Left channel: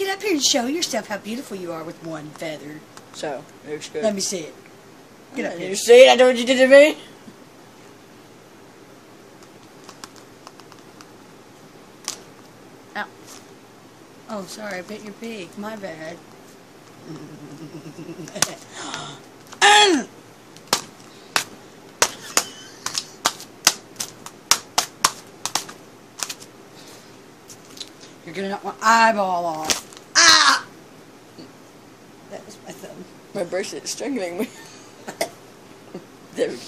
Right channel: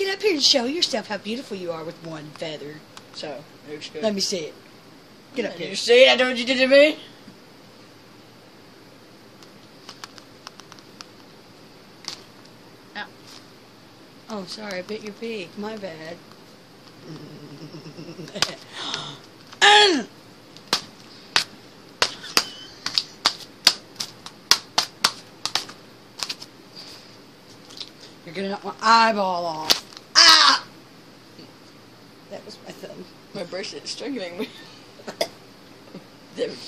Get up here and show yourself how beautiful you are with one feather. So, it looks good. Let me see it. Get up here. You see it? I know what you did to me. Ow. Oh, sorry, I bit your beak. My bad. You're gonna knock my eyeball off. Ah! That was my thumb. My bracelet's strangling me. There we go.